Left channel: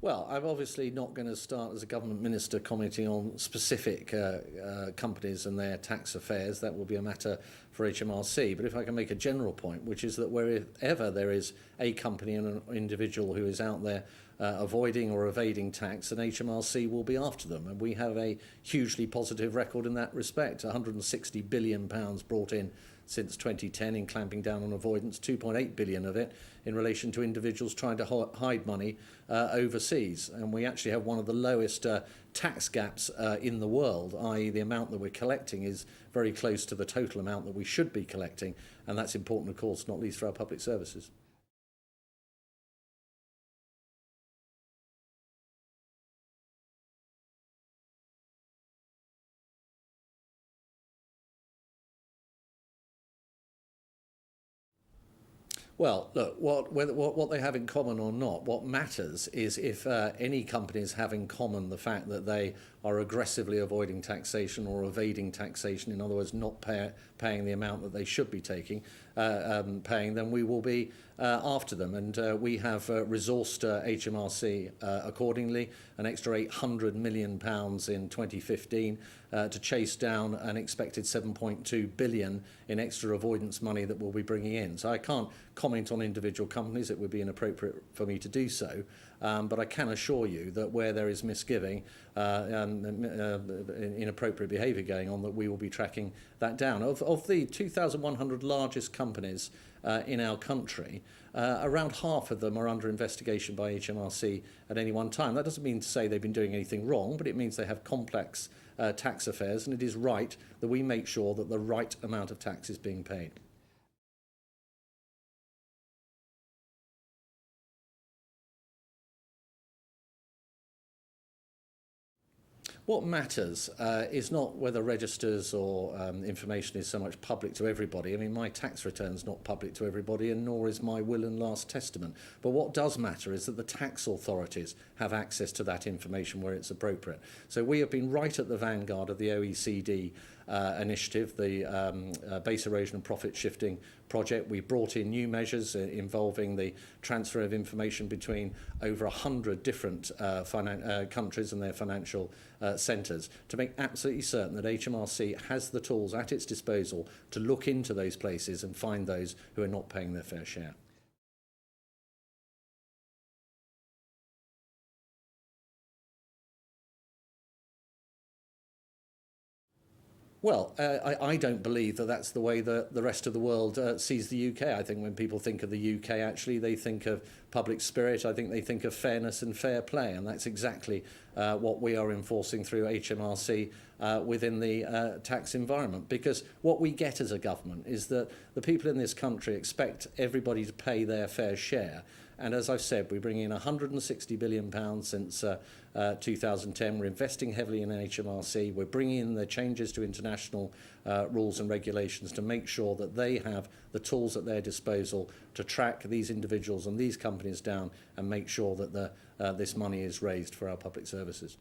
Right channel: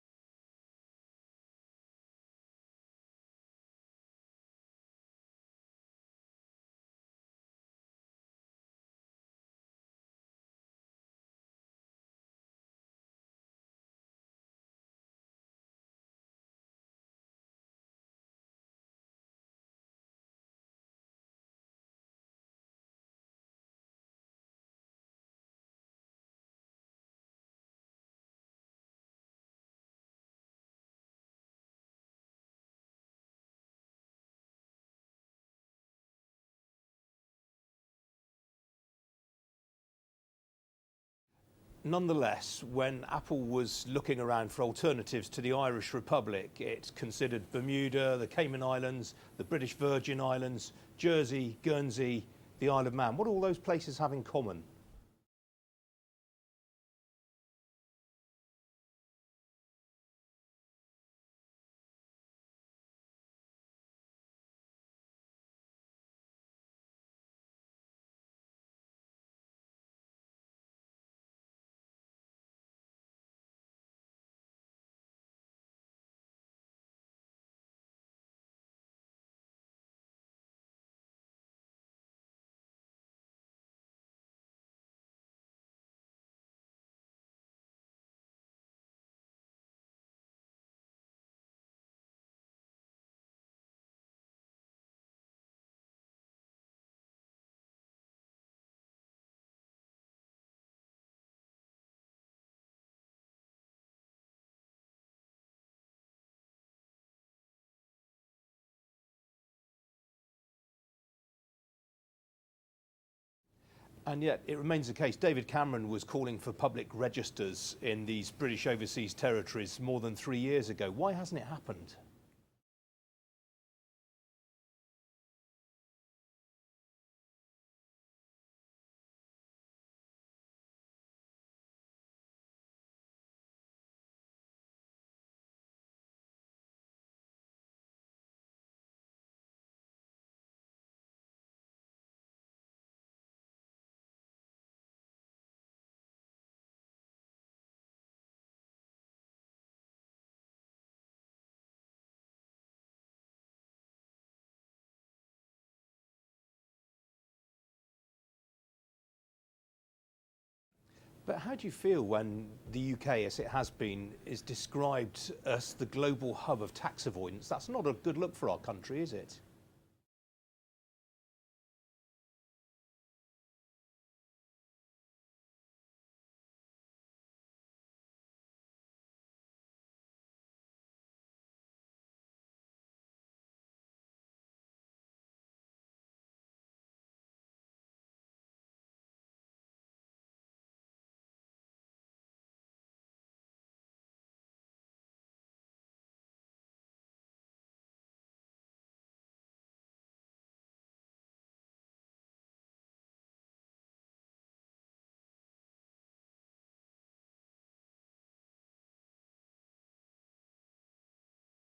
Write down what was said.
Well, I'm obviously not going to start as a government minister commenting on specific companies and their tax affairs. That will be a matter for HMRC. But if I can make a general point, which is that wherever there is a company and an individual who is out there avoiding or evading tax, then HMRC will be after them. And we have a hugely positive record in that respect. £160 billion brought in since 2010 in clamping down on avoidance, 2.8 billion of it in relation to individuals trying to hide money overseas. And we actually have one of the lowest tax gaps in the world, i.e. the amount that we're collecting is very close to the total amount that we should be collecting. And that's important, of course, not least for our public services. Nonetheless, when Apple was looking around for alternatives to the Irish Republic, it considered Bermuda, the Cayman Islands, the British Virgin Islands, Jersey, Guernsey, the Isle of Man. What do all those places have in common? Well, look, what they have in common or not, what matters is if any companies have in common the fact that they are aggressively avoiding taxation or evading taxation, in other words, not paying the amount that they should be paying, then we will be after them. And we have resourced HMRC accordingly, an extra £800 million in 2015 to chase down an expected 7.2 billion in extra avoidance money that we'll be bringing in. So I can't comment on individual companies, it would be inappropriate for me to do so, but I can assure you that where there is misgiving and inappropriate behaviour going on, that we will be tracking that down. Of the 2,100 largest companies in our country, around half of them are under investigation by HMRC at any one time. That doesn't mean to say they've been doing anything wrong, but it means they have complex tax affairs, and it is right that we make sure that the right amount of tax is being paid. And yet it remains the case. David Cameron was calling for public registers in these British overseas territories more than 3 years ago. Why hasn't it happened? What matters is not whether registers or information is so much public to everybody. I mean, my tax return's not public to everybody, and nor is my will and last testament. But what does matter is that the tax authorities have access to that information where it's appropriate. So we have been right at the vanguard of the OECD initiative, the Base Erosion and Profit Shifting project. We brought in new measures involving the transfer of information between over 100 different countries and their financial centres to make absolutely certain that HMRC has the tools at its disposal to look into those places and find those who are not paying their fair share. But how do you feel when the UK, as it has been, is described as the global hub of tax avoidance? That's not a good look for our country, is it? Well, I don't believe that that's the way that the rest of the world sees the UK. I think when people think of the UK, actually, they think of public spirit. I think they think of fairness and fair play, and that's exactly what we are enforcing through HMRC within the tax environment. Because what we get as a government is that the people in this country expect everybody to pay their fair share. And as I've said, we bring in £160 billion since 2010. We're investing heavily in HMRC. We're bringing in the changes to international rules and regulations to make sure that they have the tools at their disposal to track these individuals and these companies down and make sure that this money is raised for our public services.